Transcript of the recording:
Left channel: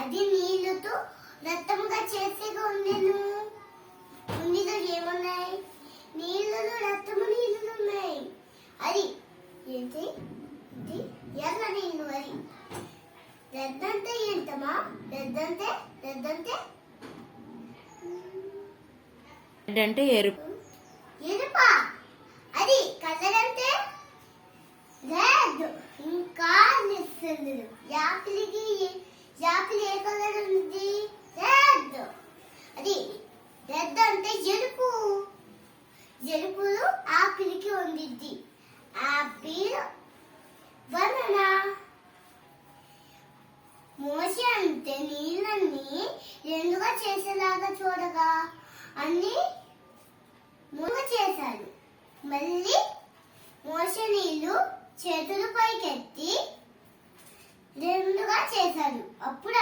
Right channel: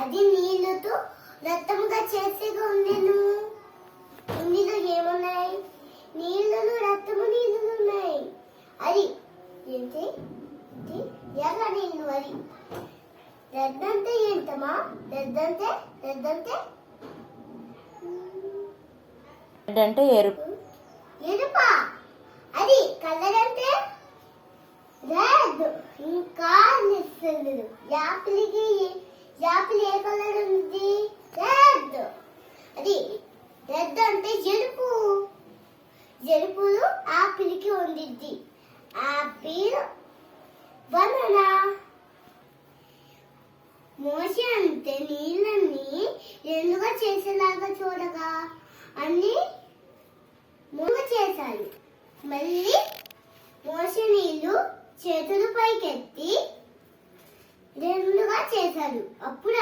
అది నీళ్ళతో రక్తముగా చేసేగా ఉండేను. ఉండిలో ఏమున్నాయి? నీళ్ళలో రక్తము నీళ్ళు ఉన్నాయి. అది ఏంటి? ఎర్ర నీళ్ళు. అది రెద్దంటే ఏంటమ్మా? రెద్దంటే రెడ్ అంటే ఎరుపు. ఎరుపా? అది కలర్ అంటే రెడ్. ఇంకా నిస్తుంది. యాపిల్ ఏ కలర్ ఉంది? రెడ్. అది రెడ్ అంటే ఎరుపు. ఎరుపులు ఆపిల్ కి ఉండిద్ది. Apple banana. మోషే అంటే నీళ్ళని రెండుగా చేసేలాగా చూడగా అన్ని మూడు చేశాడు. మళ్ళీ మోషే నీళ్లు చేతులు పైకెత్తి రెండుగా చేశాడు. అప్పుడు